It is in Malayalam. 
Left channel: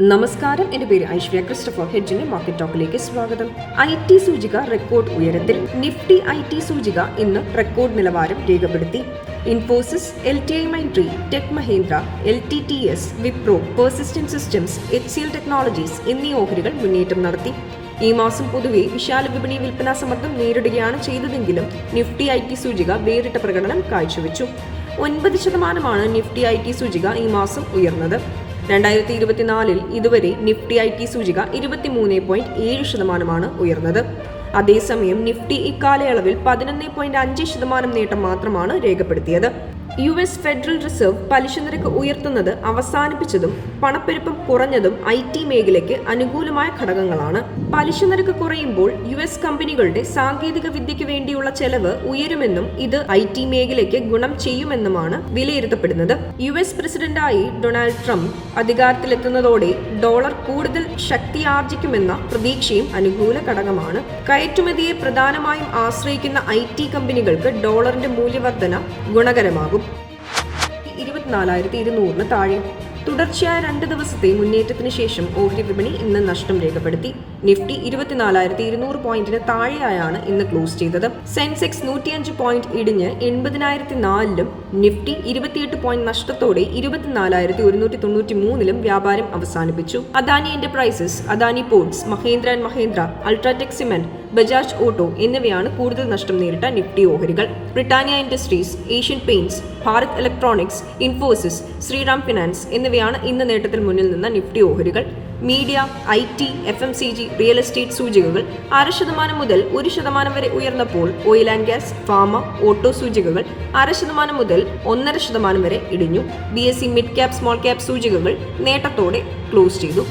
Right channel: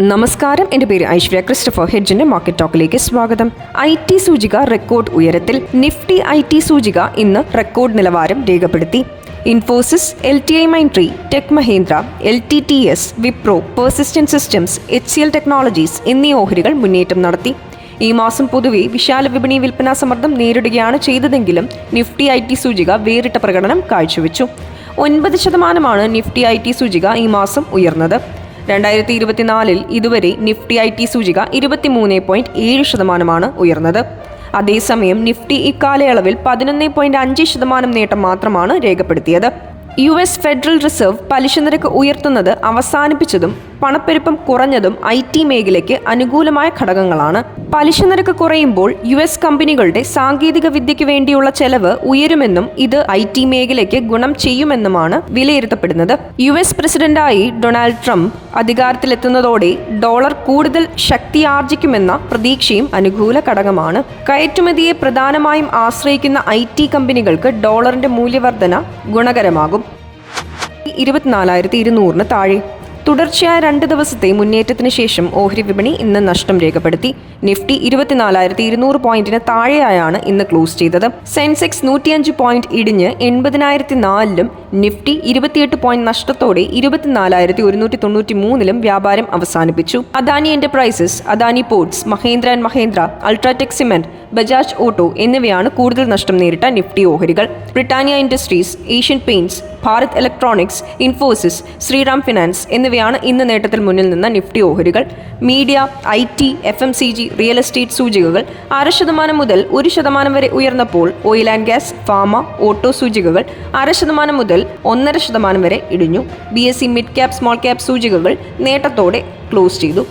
നമസ്കാരം. എന്റെ പേര് ഐശ്വര്യ. ക്രിസ്റ്റഫർ ഹെഡ്ജിന്റെ മാർക്കറ്റ് ടോക്കിലേക്ക് സ്വാഗതം. ഐ ടി സൂചിക റെക്കോർഡ് ഉയരത്തിൽ നിഫ്റ്റി ഐ ടി സൂചിക ഇന്ന് റെക്കോർഡ് നിലവാരം രേഖപ്പെടുത്തി. Infosys L T I Mindtree Tech Mahindra L T T S Wipro Persistent Systems H C L Technologies എന്നീ ഓഹരികൾ മുന്നേറ്റം നടത്തി. ഈ മാസം പൊതുവെ വിശാല വിപണി വിൽപ്പനാ സമ്മർദ്ദം നേരിടുകയാണ് ചെയ്തതെങ്കിലും നിഫ്റ്റി ഐ ടി സൂചിക വേറിട്ട പ്രകടനം കാഴ്ചവെച്ചു. ഒൻപത് ശതമാനമാണ് നിഫ്റ്റി ഐ ടി സൂചിക ഈ മാസം ഉയർന്നത്. രണ്ടായിരത്തി ഇരുപത്തിനാലിൽ ഇതുവരെ നിഫ്റ്റി ഐ ടി സൂചിക ഇരുപത്തിമൂന്ന് പോയിന്റ് ഏഴ് ശതമാനമാണ് ഉയർന്നത്. അതേസമയം നിഫ്റ്റി ഇക്കാലയളവിൽ പതിനൊന്ന് പോയിന്റ് അഞ്ച് ശതമാനം നേട്ടം മാത്രമാണ് രേഖപ്പെടുത്തിയത്. യു എസ് ഫെഡറൽ റിസർവ് പലിശ നിരക്ക് ഉയർത്തുന്നത് അവസാനിപ്പിച്ചതും പണപ്പെരുപ്പം കുറഞ്ഞതും ഐ ടി മേഖലയ്ക്ക് അനുകൂലമായ ഘടകങ്ങളാണ്. പലിശ നിരക്ക് കുറയുമ്പോൾ യു എസ് കമ്പനികളുടെ സാങ്കേതിക വിദ്യയ്ക്ക് വേണ്ടിയുള്ള ചെലവ് ഉയരുമെന്നും ഇത് ഐ ടി മേഖലയ്ക്ക് ഗുണം ചെയ്യുമെന്നുമാണ് വിലയിരുത്തപ്പെടുന്നത്. യു എസ് പ്രസിഡന്റായി ഡൊണാൾഡ് ട്രംപ് അധികാരത്തിലെത്തുന്നതോടെ ഡോളർ കൂടുതൽ ശക്തിയാർജിക്കുമെന്ന പ്രതീക്ഷയും അനുകൂല ഘടകമാണ്. കയറ്റുമതിയെ പ്രധാനമായും ആശ്രയിക്കുന്ന ഐ കമ്പനികൾക്ക് ഡോളറിന്റെ മൂല്യവർധന ഗുണകരമാകും. ഇരുപത്തിനാലായിരത്തി ഇരുന്നൂറിന് താഴെ. തുടർച്ചയായ രണ്ട് ദിവസത്തെ മുന്നേറ്റത്തിന് ശേഷം ഓഹരി വിപണി ഇന്ന് നഷ്ടം രേഖപ്പെടുത്തി. നിഫ്റ്റി ഇരുപത്തിനാലായിരത്തി ഇരുന്നൂറ് പോയിന്റിന് താഴെയായാണ് ഇന്ന് ക്ലോസ് ചെയ്തത്. സെൻസെക്സ് നൂറ്റിയഞ്ച് പോയിന്റ് ഇടിഞ്ഞ് എൺപതിനായിരത്തി നാലിലും നിഫ്റ്റി ഇരുപത്തിയെട്ട് പോയിന്റ് നഷ്ടത്തോടെ ഇരുപത്തിനാലായിരത്തി ഒരുന്നൂറ്റി തൊണ്ണൂറ്റി മൂന്നിലും വ്യാപാരം അവസാനിപ്പിച്ചു. Adani Enterprises Adani Ports Mahindra and Mahindra UltraTech Cement Bajaj Auto എന്നിവയാണ് കൂടുതൽ നഷ്ടം നേരിട്ട നിഫ്റ്റി ഓഹരികൾ. Britannia Industries Asian Paints Bharat Electronics Infosys Shriram Finance എന്നിവയാണ് ഇന്ന് നേട്ടത്തിൽ മുന്നിൽ നിന്ന നിഫ്റ്റി ഓഹരികൾ. Media I T F M C G real estate സൂചികകൾ അര ശതമാനം മുതൽ ഒരു ശതമാനം വരെ ഉയർന്നപ്പോൾ oil and gas pharma auto സൂചികകൾ അര ശതമാനം മുതൽ ഒന്നര ശതമാനം വരെ ഇടിഞ്ഞു. B S C mid cap small cap സൂചികകൾ നേട്ടത്തോടെ ക്ലോസ് ചെയ്തു.